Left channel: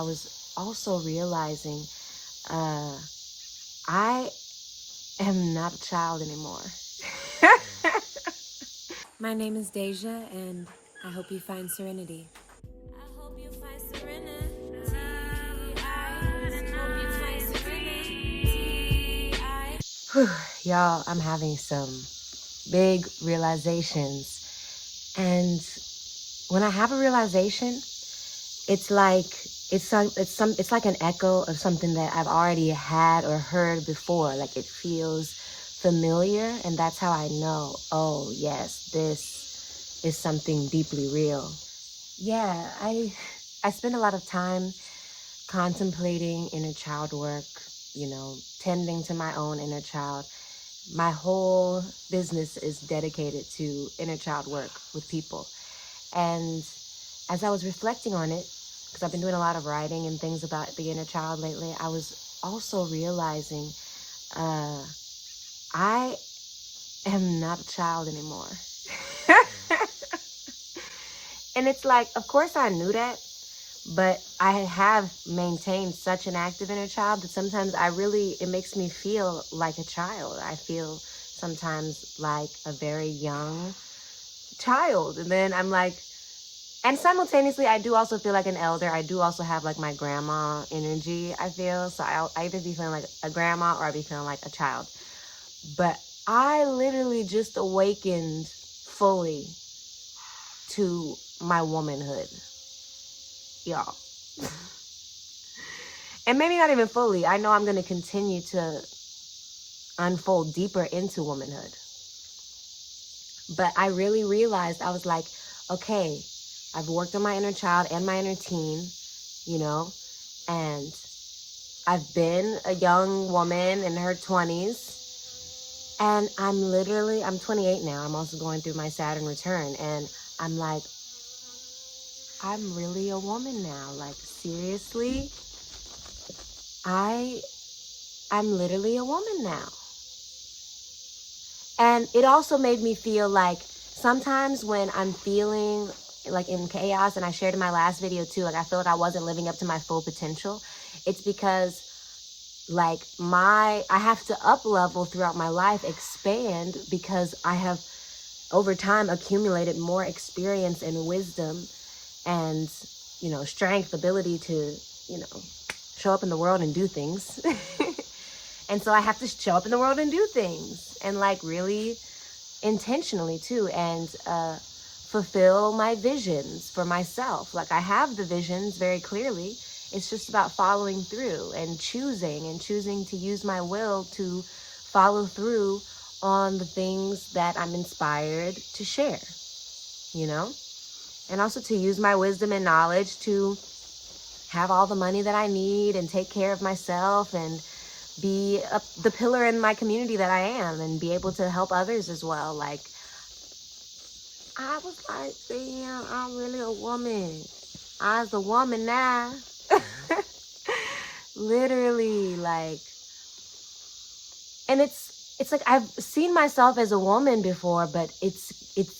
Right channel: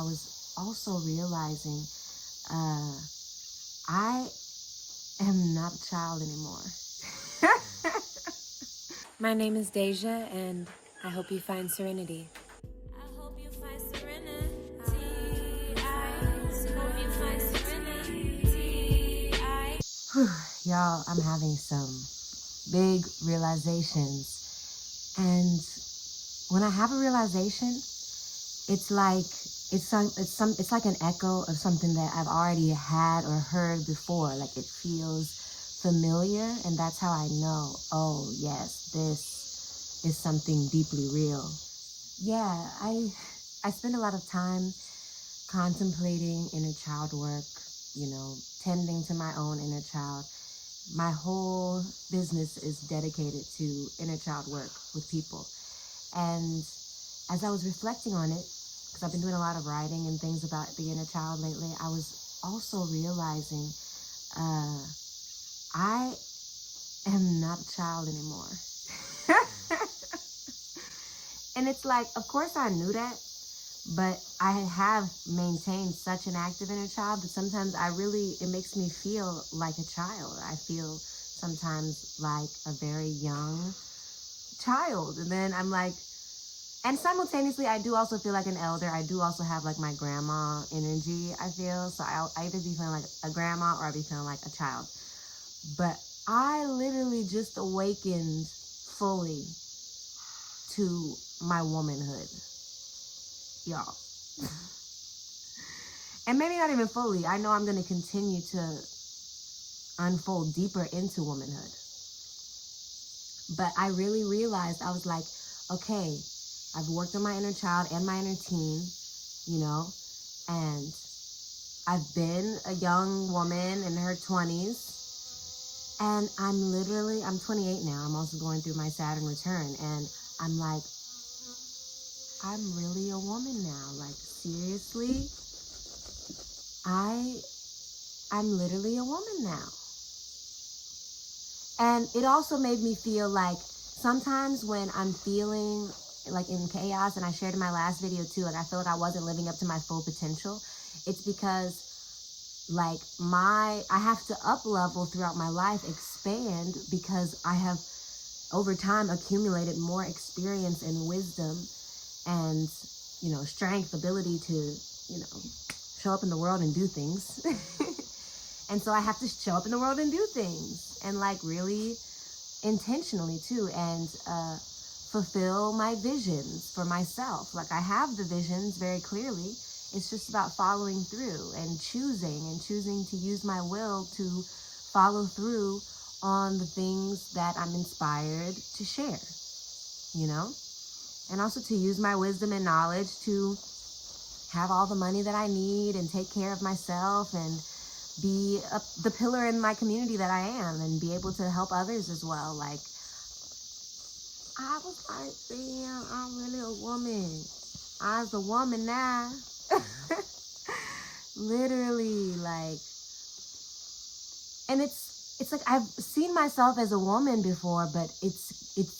I was also realizing I am not a child anymore. My name is Deja, and I hope you find serenity. I hope you find serenity. I hope you find serenity. Y'all, I'm having some big realizations. And when I have a realization, it's like it's like an echo of something that I've already had or heard before. Like it feels familiar, and that's how I know, oh yes, this is something deeply real. Yeah, I spend a lot of time contemplating inner child work, tending to my own inner child. My whole business is dedicated to inner child work with people. And as I was reflecting on it, because I've been doing a lot of writing and things about the inner child lately, I was also realizing I am not a child anymore. And it's like, of course I knew that, but I have maintained such an active inner child that sometimes it makes me feel like a child. I feel sometimes like a very young child. And then I'm like, and simultaneously, I do also feel like an elder. I do also have like my grandma energy, I feel. So I either be feeling like a grandma or I be feeling like a child. But I literally just awakened fully to my womanhood, y'all. And maybe not even fully. I know I'm going to continue to unfold deeper into womanhood. But I really realized, I was like, okay, I've worked on my inner child and my inner teen, and I've been a young woman in her 20s. And I'm 28 now. I'm also going through my Saturn return. And I'm like, I'm really a woman now. Like, seriously, I'm literally a woman now. And it also made me feel like sometimes when I'm feeling like in chaos, and I shared in my last video too, like I feel like I wasn't living up to my full potential, it's because like I have to up level throughout my life, expand, because I have over time accumulated more experience and wisdom and, strength, ability to, show up in the world and do things. And so I have to show up in the world and do things, and like really intentionally too, and fulfill my visions for myself. Like I have the visions very clearly. It's just about following through and choosing to use my will to follow through on the things that I'm inspired to share, and also to use my wisdom and knowledge to have all the money that I need and take care of myself and be the pillar in my community that I am, and be able to help others as well. Like, I was like, damn, I'm really a woman. I's a woman now. Literally, like, and it's like I've seen myself as a woman before, but it's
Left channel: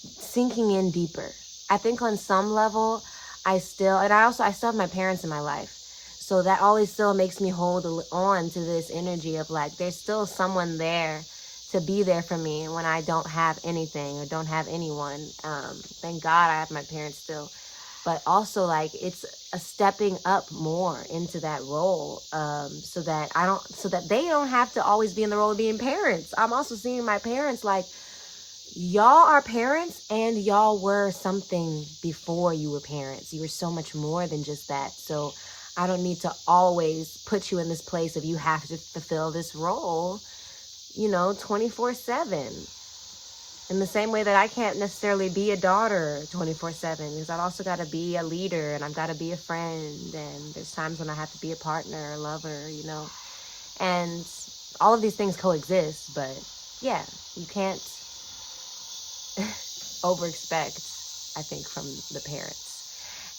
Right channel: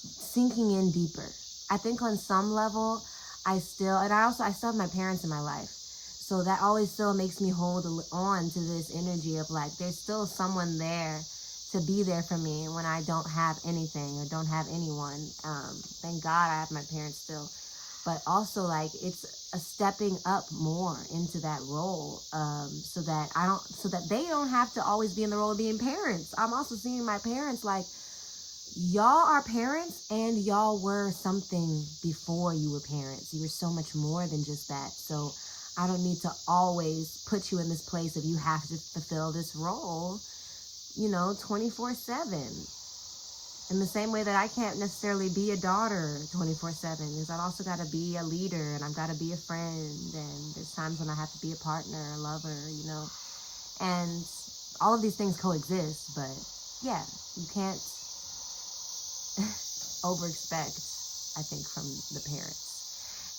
sinking in deeper. I think on some level, I still have my parents in my life. So that always still makes me hold on to this energy of like, there's still someone there to be there for me when I don't have anything or don't have anyone. Thank God I have my parents still. But also like it's a stepping up more into that role, so that they don't have to always be in the role of being parents. I'm also seeing my parents like, y'all are parents and y'all were something before you were parents. You were so much more than just that. So I don't need to always put you in this place of you have to fulfill this role, 24/7. In the same way that I can't necessarily be a daughter 24/7, because I've also got to be a leader, and I've got to be a friend, and there's times when I have to be a partner, a lover, and all of these things coexist. But yeah, you can't over expect, I think, from the parents.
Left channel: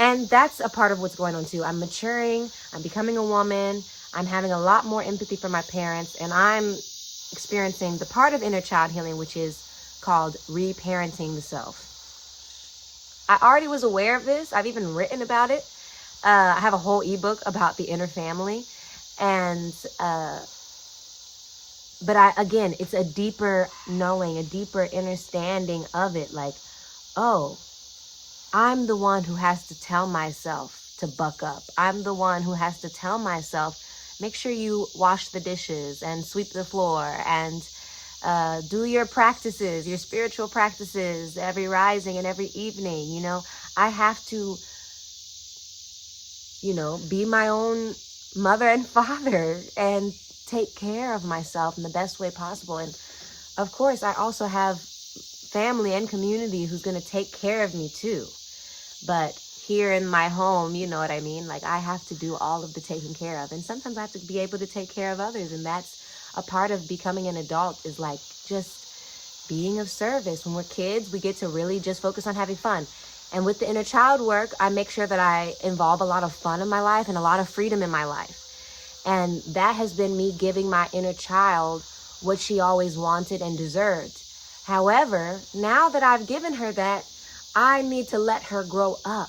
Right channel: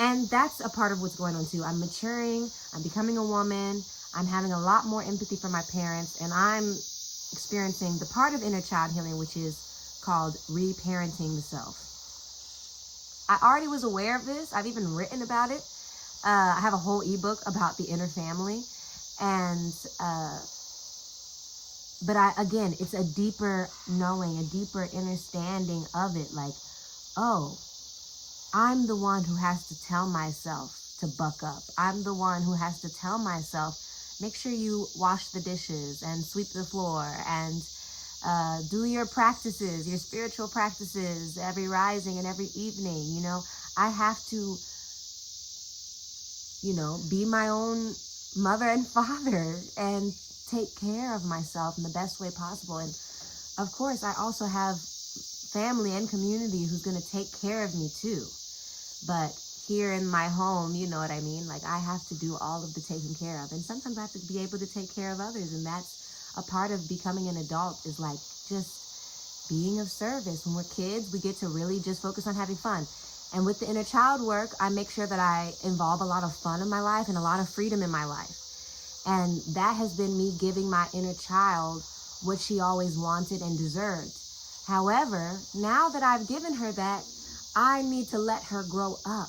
And that's a part of what's going on too. I'm maturing, I'm becoming a woman, I'm having a lot more empathy for my parents, and I'm experiencing the part of inner child healing, which is called reparenting the self. I already was aware of this. I've even written about it, I have a whole ebook about the inner family. And, but again, it's a deeper knowing, a deeper understanding of it. Like, oh, I'm the one who has to tell myself to buck up. I'm the one who has to tell myself, make sure you wash the dishes and sweep the floor and do your practices, your spiritual practices, every rising and every evening. You know, I have to, you know, be my own mother and father and take care of myself in the best way possible. And of course, I also have family and community who's going to take care of me too. But here in my home, you know what I mean? Like, I have to do all of the taking care of. And sometimes I have to be able to take care of others. And that's a part of becoming an adult, is like just being of service. When we're kids, we get to really just focus on having fun. And with the inner child work, I make sure that I involve a lot of fun in my life and a lot of freedom in my life. And that has been me giving my inner child what she always wanted and deserved. However, now that I've given her that, I need to let her grow up.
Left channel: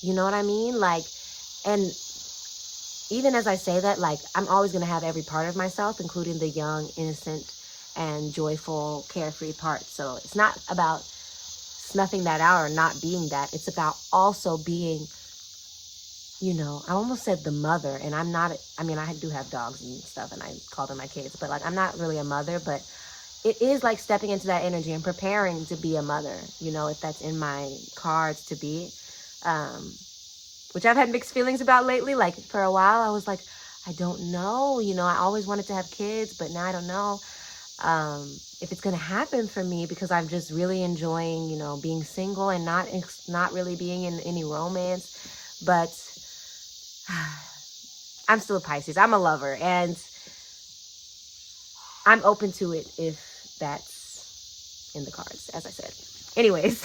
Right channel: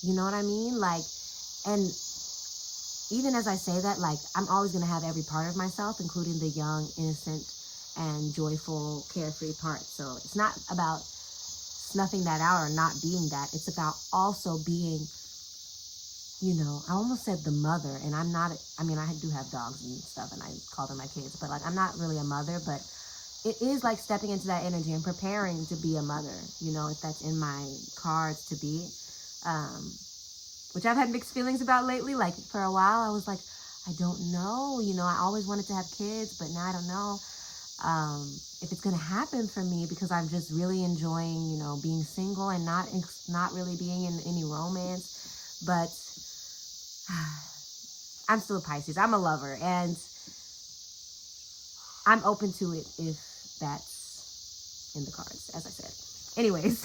You know what I mean? Like, and even as I say that, like, I'm always going to have every part of myself, including the young, innocent, and joyful, carefree part. So it's not about snuffing that out or not being that. It's about also being, you know, I almost said the mother, and I'm not, I mean, I do have dogs and stuff, and I call them my kids, but like, I'm not really a mother, but it is like stepping into that energy and preparing to be a mother, you know, if that's in my cards to be, which I've had mixed feelings about lately. Like, for a while, I was like, I don't know, you know, I always wanted to have kids, but now I don't know if it's going to happen for me, because I'm just really enjoying, you know, being single and not really being in any romance. But I'm still a Pisces. I'm a lover, and I'm open to it if that's in the cards, as I said. Anyways,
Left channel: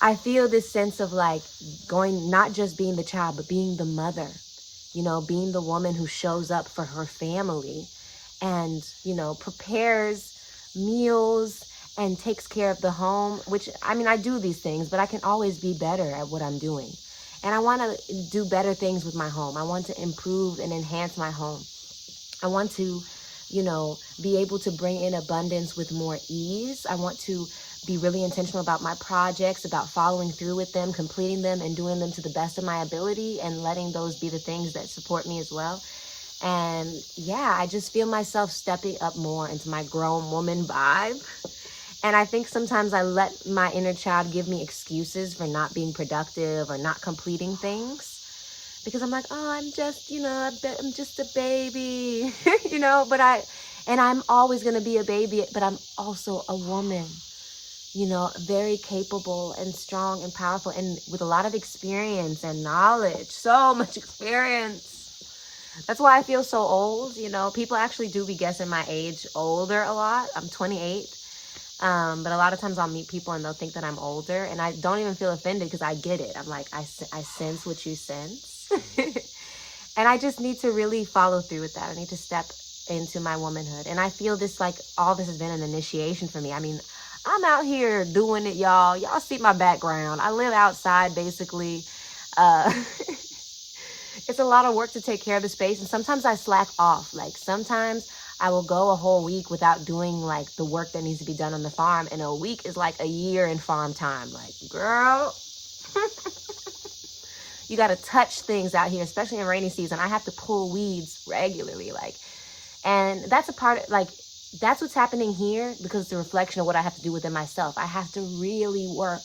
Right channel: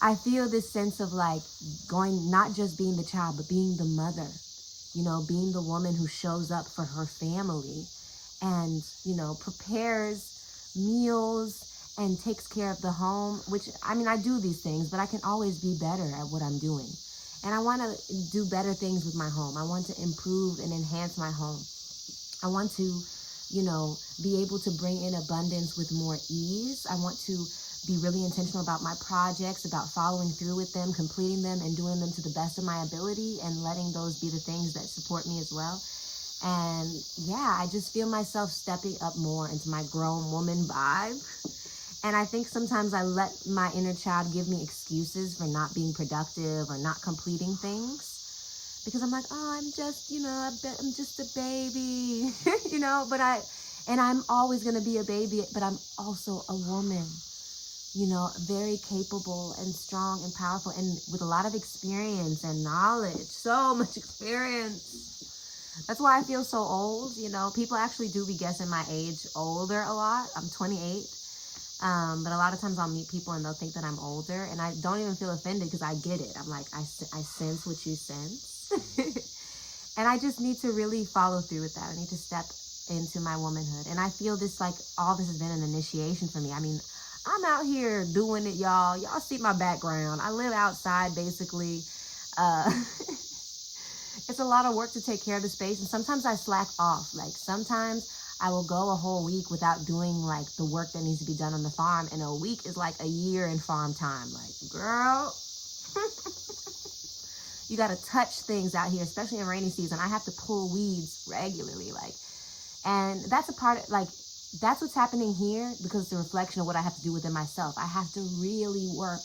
I feel this sense of like going, not just being the child, but being the mother, you know, being the woman who shows up for her family and, you know, prepares meals and takes care of the home, which, I mean, I do these things, but I can always be better at what I'm doing. And I want to do better things with my home. I want to improve and enhance my home. I want to, you know, be able to bring in abundance with more ease. I want to be really intentional about my projects, about following through with them, completing them, and doing them to the best of my ability, and letting those be the things that support me as well. And yeah, I just feel myself stepping up more into my grown woman vibe. And I think sometimes I let my inner child give me excuses for not being productive or not completing things, because I'm like, oh, I'm just, you know, I'm just a baby, you know, and I'm always going to be a baby, but I'm also a woman, you know, very capable and strong and powerful, and with a lot of experience and knowledge, so much experience. That's why I feel so old. You know, people actually do be guessing my age older a lot. I'm 28. But a lot of times I'll meet people and they'll think that I'm older, and I don't even feel offended, because I get it. I'm like, I sense what you sense. And I just need to really follow through with that. I need to step into my womanhood. And I feel this, like, all this has been an initiation for me. I mean, I'm out here doing it, y'all. Y'all see my background. I live outside, basically. It's a lot of work to take care of the space. And sometimes I slack off. Like, sometimes I will go a whole week without doing, like, the work that needs to be done on the farm. And a week is like a year in farm time. Like, girl, you got to touch things out here, especially in rainy season. I have to pull weeds regularly. Like, and that's a part of, like, that's what's happening here, because it's a reflection of what I have to do within myself. I have to really work.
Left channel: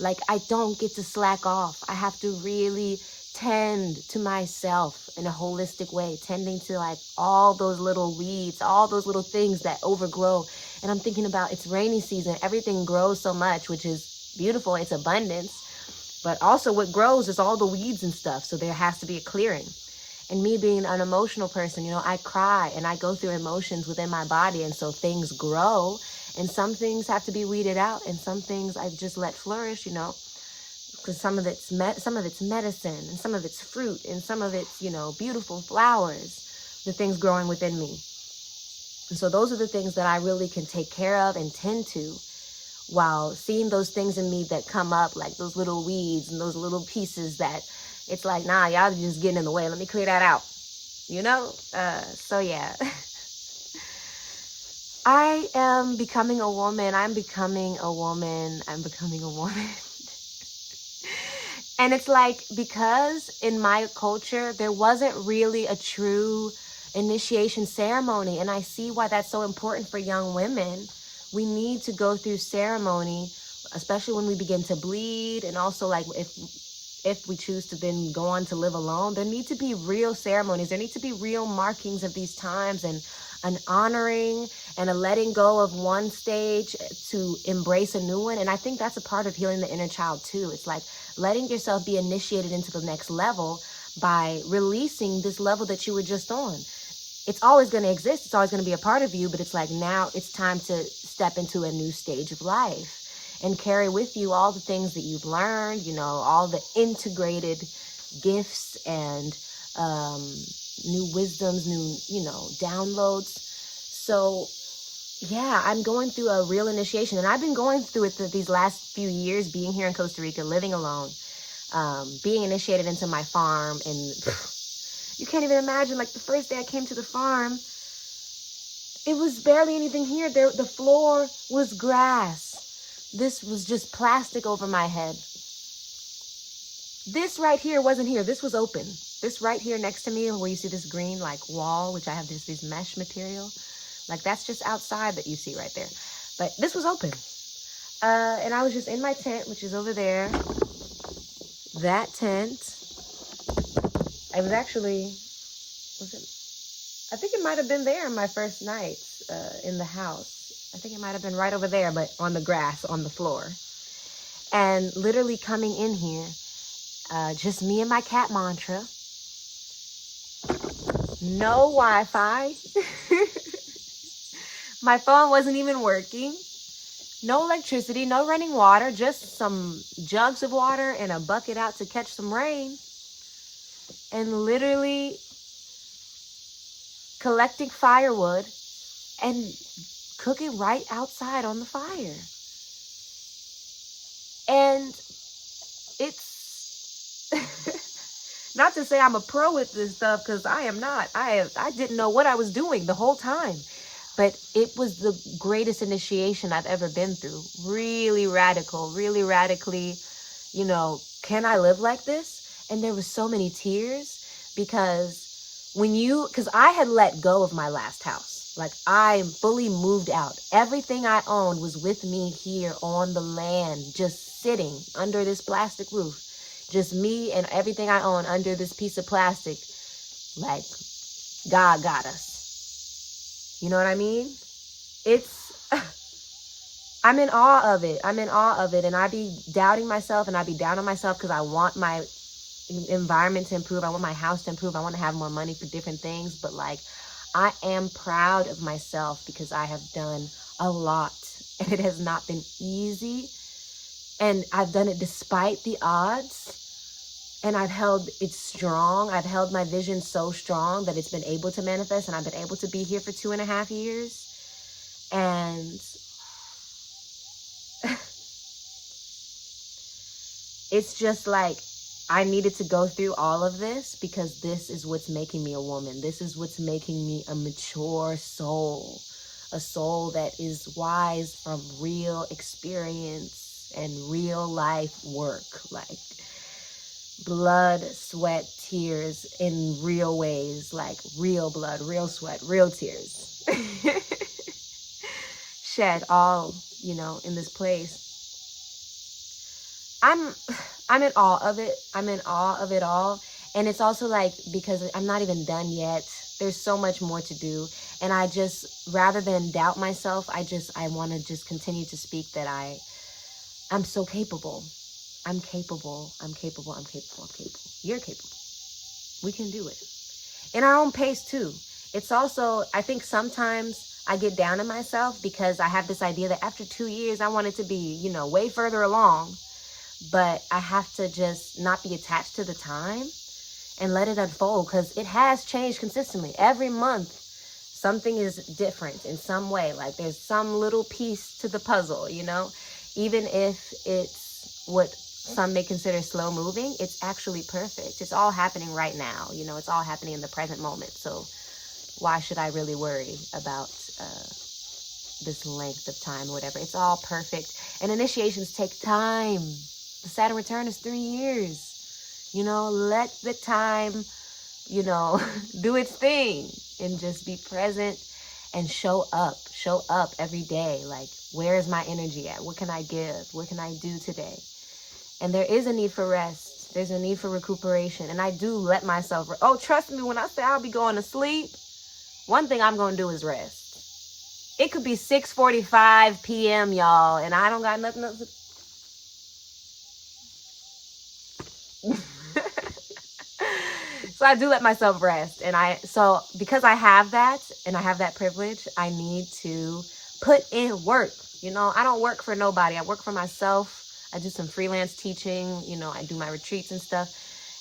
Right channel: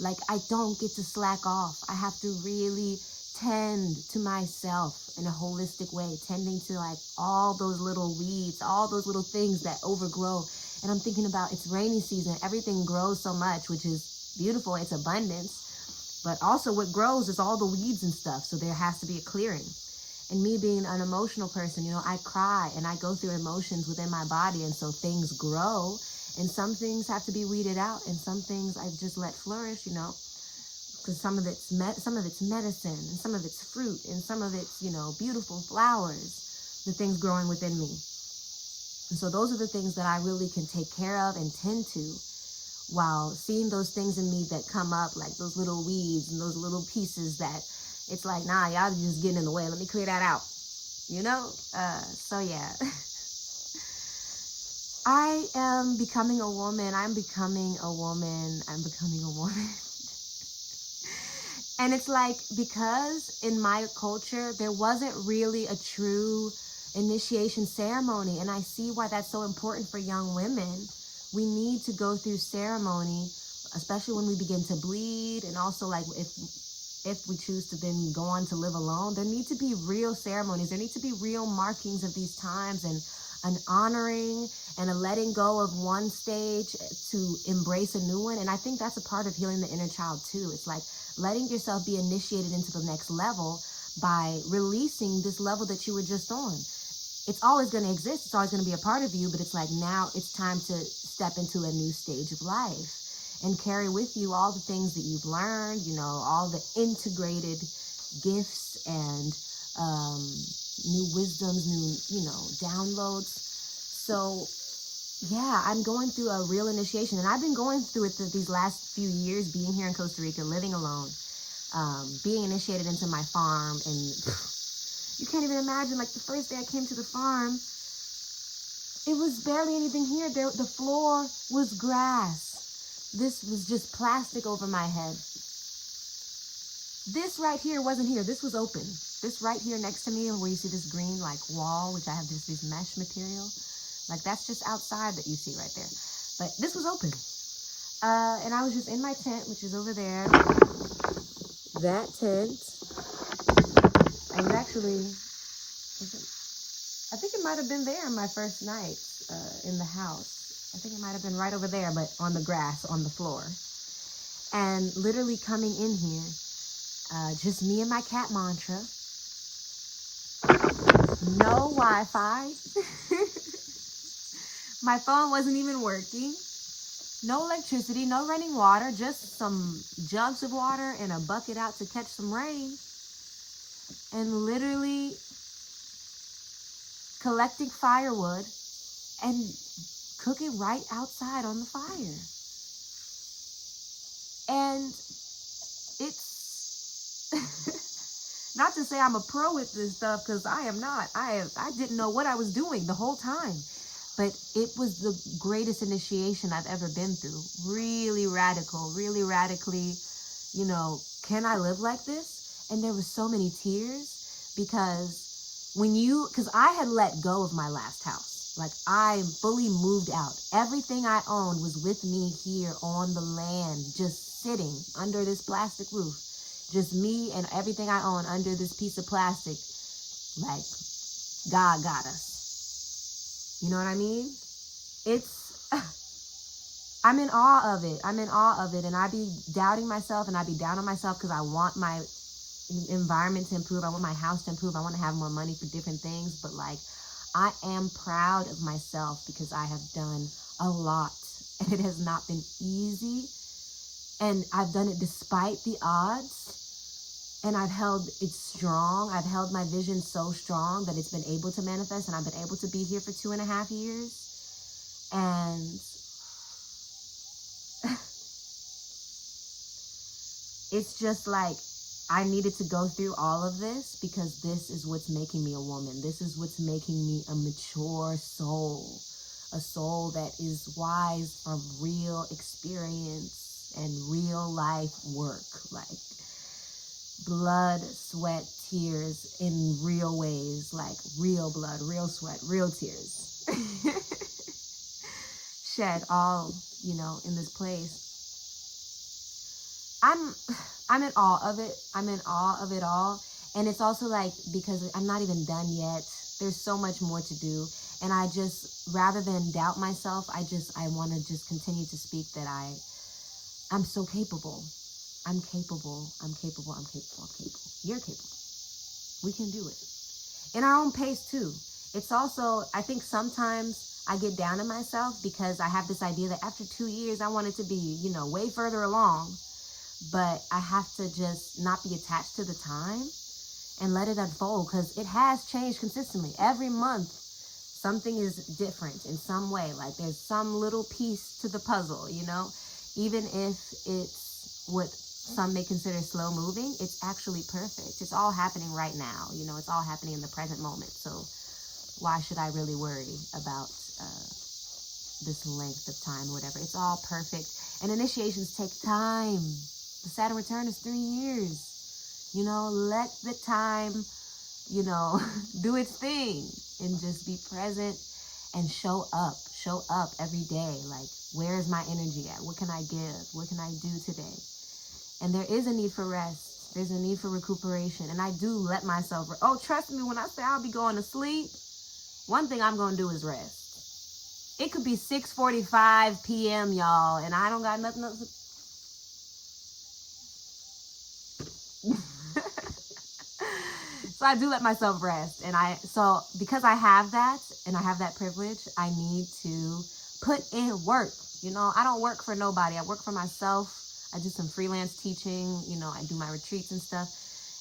Like, I don't get to slack off. I have to really tend to myself in a holistic way, tending to, like, all those little weeds, all those little things that overgrow. And I'm thinking about, it's rainy season. Everything grows so much, which is beautiful. It's abundance. But also what grows is all the weeds and stuff. So there has to be a clearing. And me being an emotional person, you know, I cry and I go through emotions within my body. And so things grow, and some things have to be weeded out, and some things I just let flourish, you know, because some of it's medicine, and some of it's fruit, and some of it's, you know, beautiful flowers, the things growing within me. And so those are the things that I really can take care of and tend to while seeing those things in me that come up, like those little weeds and those little pieces that it's like, nah, y'all just getting in the way. Let me clear that out. You know? So yeah. I am becoming a woman. I'm becoming a woman. I'm becoming a woman. And it's like, because in my culture, there wasn't really a true initiation ceremony. And I see why that's so important for young women. We need to go through ceremony, especially when we begin to bleed. And also, like, if we choose to then go on to live alone, there need to be real ceremonies. There need to be real markings of these times, and an honoring and a letting go of one stage to embrace a new one. And I think that's a part of healing the inner child too. It's like letting yourself be initiated into the next level by releasing this level that you were just on. It's always going to exist. It's always going to be a part of you, but it's like, now it's time to step into a new stage of life and carry with you all the things that you've learned, you know, all the integrated gifts and new wisdoms, new, you know, downloads. So yeah, I'm going through a real initiation, and I've been going through it these last few years, being here in Costa Rica, living alone, being initiated into my farm. And you can't even imagine, like, the first day I came to the farm, it was barely anything here. The floor was grass. This was just plastic over my head. This right here wasn't here. This was open. This right here next to me, where you see this green, like, wall, which I have this mesh material, like, that's just outside that you see right there. But this was open. And I was just in my tent, which is over there. That tent. I was actually, I think it might have been there my first night in the house. I think it might have been right over there, but on the grass, on the floor. And literally coming in here, just me and my cat mantra. No Wi-Fi. My phone wasn't even working. No electricity, no running water, just some jugs of water and a bucket out to catch some rain. And literally collecting firewood and cooking right outside on the fire. And it's not to say I'm a pro with this stuff, because I am not. I didn't know what I was doing the whole time. But it was the greatest initiation I've ever been through. Really radical, really radically, you know, can I live like this? And there was so many tears, because I had let go of my last house. Like, I fully moved out. Everything I owned was with me here on the land, just sitting under this plastic roof. Just me and everything I own under this piece of plastic. Like, God got us. You know what I mean? I'm in awe of it. I'm in awe of it. And I be doubting myself, and I be down on myself, because I want my environment to improve. I want my house to improve. I want to have more money for different things. But, like, I am proud of myself, because I have done a lot, and it has not been easy. And I've done it despite the odds. And I've held it strong. I've held my vision so strong that it's been able to manifest. And I've been able to be here for 2.5 years. And it's just like, I needed to go through all of this, because this is what's making me a woman. This is what's making me a mature soul. A soul that is wise from real experience and real life work. Like, blood, sweat, tears in real ways, like real blood, real sweat, real tears. Shed all, you know, in this place. I'm in awe of it. I'm in awe of it all. And it's also like, because I'm not even done yet. There's so much more to do. And I just, rather than doubt myself, I want to just continue to speak that I'm so capable. I'm capable. I'm capable. I'm capable. I'm capable. You're capable. We can do it. In our own pace too. It's also, I think sometimes I get down on myself, because I have this idea that after 2 years, I want it to be, you know, way further along. But I have to just not be attached to the time and let it unfold, because it has changed consistently. Every month, something is different in some way. Like, there's some little piece to the puzzle, you know? Even if it's what some may consider slow moving, it's actually perfect. It's all happening right now. It's all happening in the present moment. So why should I really worry about this length of time or whatever? It's all perfect. And initiations take time. The Saturn return is 3 years. Let the time, do its thing and just be present and show up every day. Like, where is my energy at? What can I give? What can I do today? And there is a need for rest. There's a need for recuperation. And I do let myself, trust me, when I say I'll be going to sleep, one thing I'm going to do is rest. It could be 6:45 p.m., y'all, and I don't got nothing else to... So I do let myself rest. And because I have that and I have that privilege, I need to put in work. I don't work for nobody. I work for myself. I do some freelance teaching. I do my retreats and stuff.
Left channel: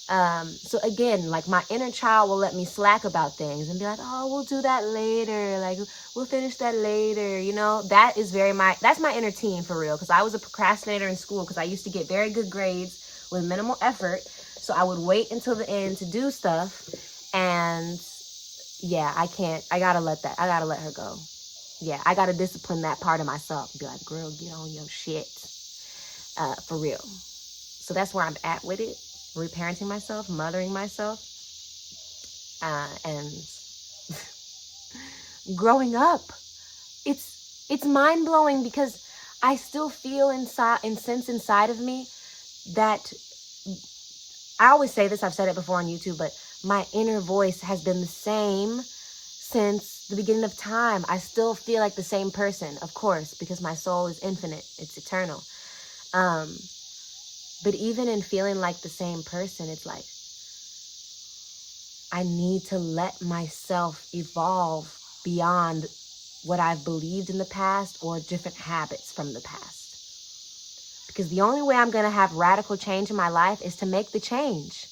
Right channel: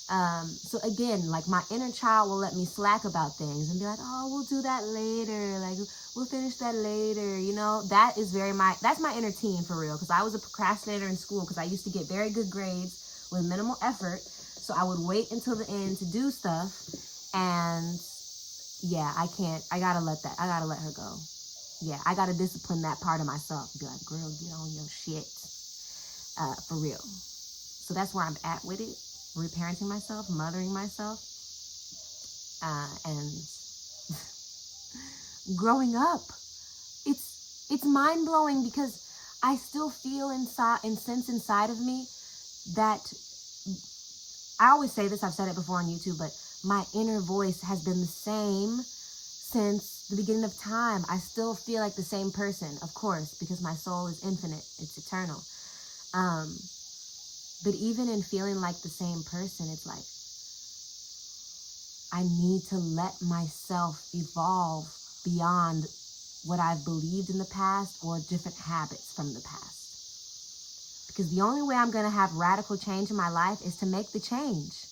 So again, like, my inner child will let me slack about things and be like, oh, we'll do that later. Like, we'll finish that later. That's my inner teen for real. Cause I was a procrastinator in school because I used to get very good grades with minimal effort. So I would wait until the end to do stuff. And yeah, I gotta let her go. Yeah, I gotta discipline that part of myself. Be like, girl, get on your shit. For real. So that's where I'm at with it. Reparenting myself, mothering myself, and growing up. It's mind-blowing because I still feel sense inside of me that, I always say this, I've said it before on YouTube, but my inner voice has been the same since the beginning of time. I still feel like the same person, of course, because my soul is infinite. It's eternal. But even in feeling like the same person, it's like, I need to let myself evolve beyond what I've believed in the past or different habits from the past. Because the only way I'm going to have radical change in my life is to make the change.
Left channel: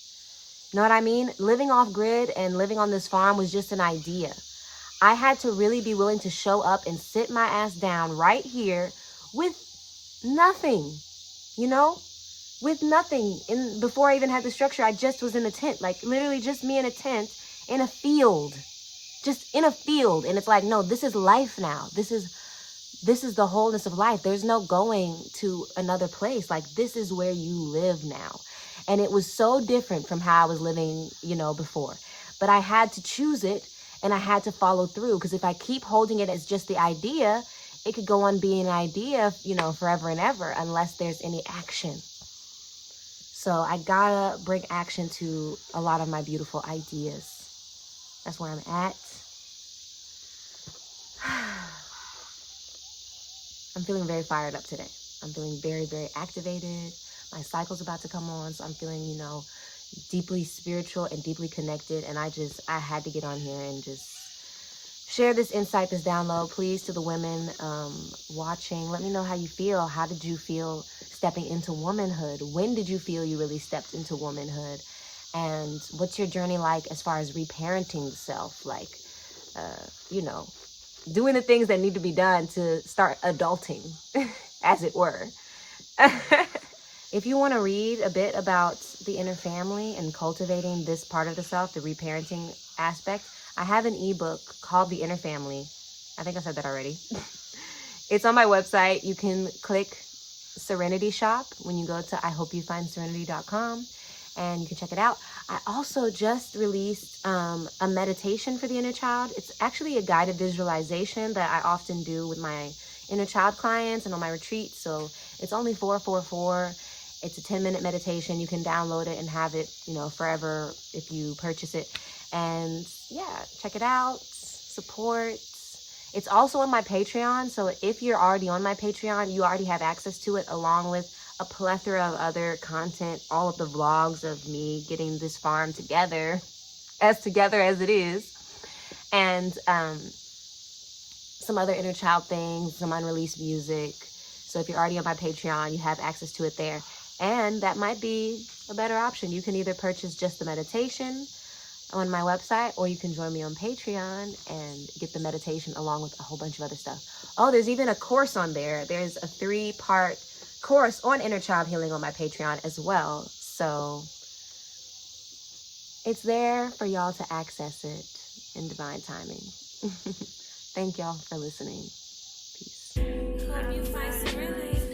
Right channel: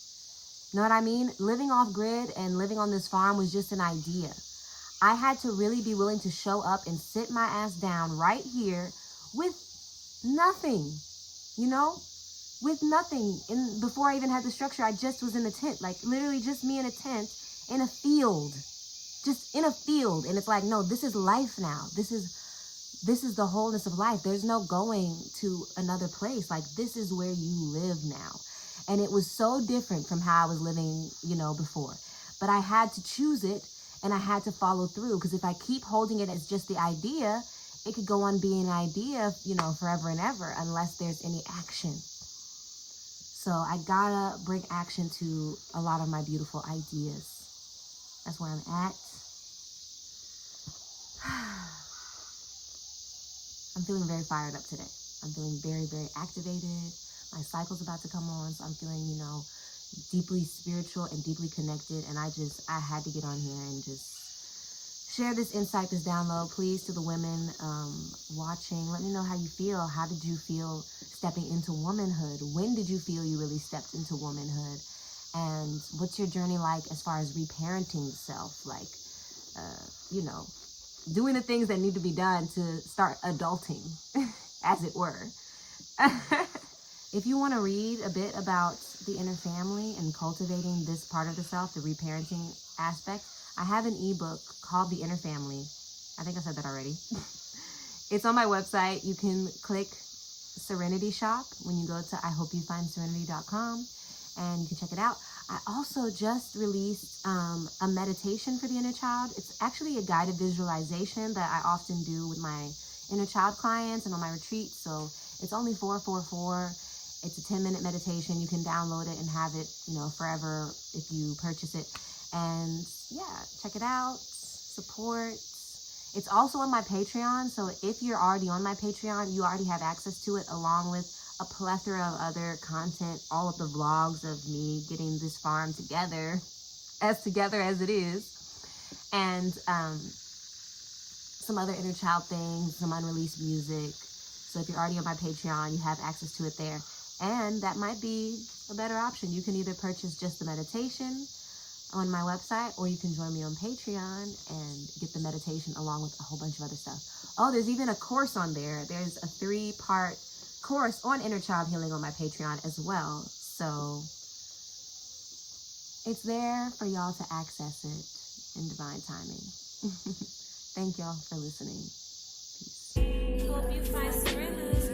You know what I mean? Living off grid and living on this farm was just an idea. I had to really be willing to show up and sit my ass down right here with nothing, with nothing. And before I even had the structure, I just was in a tent, like literally just me in a tent in a field, just in a field. And it's like, no, this is life now. This is the wholeness of life. There's no going to another place. Like, this is where you live now. And it was so different from how I was living, before. But I had to choose it and I had to follow through. Because if I keep holding it as just the idea, it could go on being an idea, forever and ever, unless there's any action. So I gotta bring action to a lot of my beautiful ideas. That's where I'm at. I'm feeling very fired up today. I'm feeling very, very activated. My cycle's about to come on, so I'm feeling, deeply spiritual and deeply connected. And I had to get on here and just share this insight, this download. Please, to the women watching, let me know how you feel. How did you feel stepping into womanhood? When did you feel you really stepped into womanhood? And what's your journey like as far as reparenting the self? Like, doing the things that need to be done to start adulting, as it were. If you want to read a bit about the inner family and cultivating this part of the self, the reparenting aspect, I have an ebook called The Inner Family. I think I said that already. It's on my website. You can click Serenity Shop when you go to IHopeYouFindSerenity.com and you can check it out. I also just released a meditation for the inner child. It's actually a guided visualization that I often do with my inner child clients and on my retreats. So it's only $444. It's a 10-minute meditation. You can download it and have it, forever if you purchase it. And yeah, check it out, support. It's also on my Patreon. So if you're already on my Patreon, you already have access to it along with a plethora of other content, all of the vlogs of me getting this farm together as it is. And some other inner child things, some unreleased music. So if you're already on my Patreon, you have access to it there. And that might be a better option. You can either purchase just the meditation on my website, or you can join me on Patreon and get the meditation along with a whole bunch of other stuff. Oh, there's even a course on there. There's a 3-part course on inner child healing on my Patreon as well. So it's there for y'all to access it in divine timing. Thank y'all for listening. Peace. Hope you find serenity.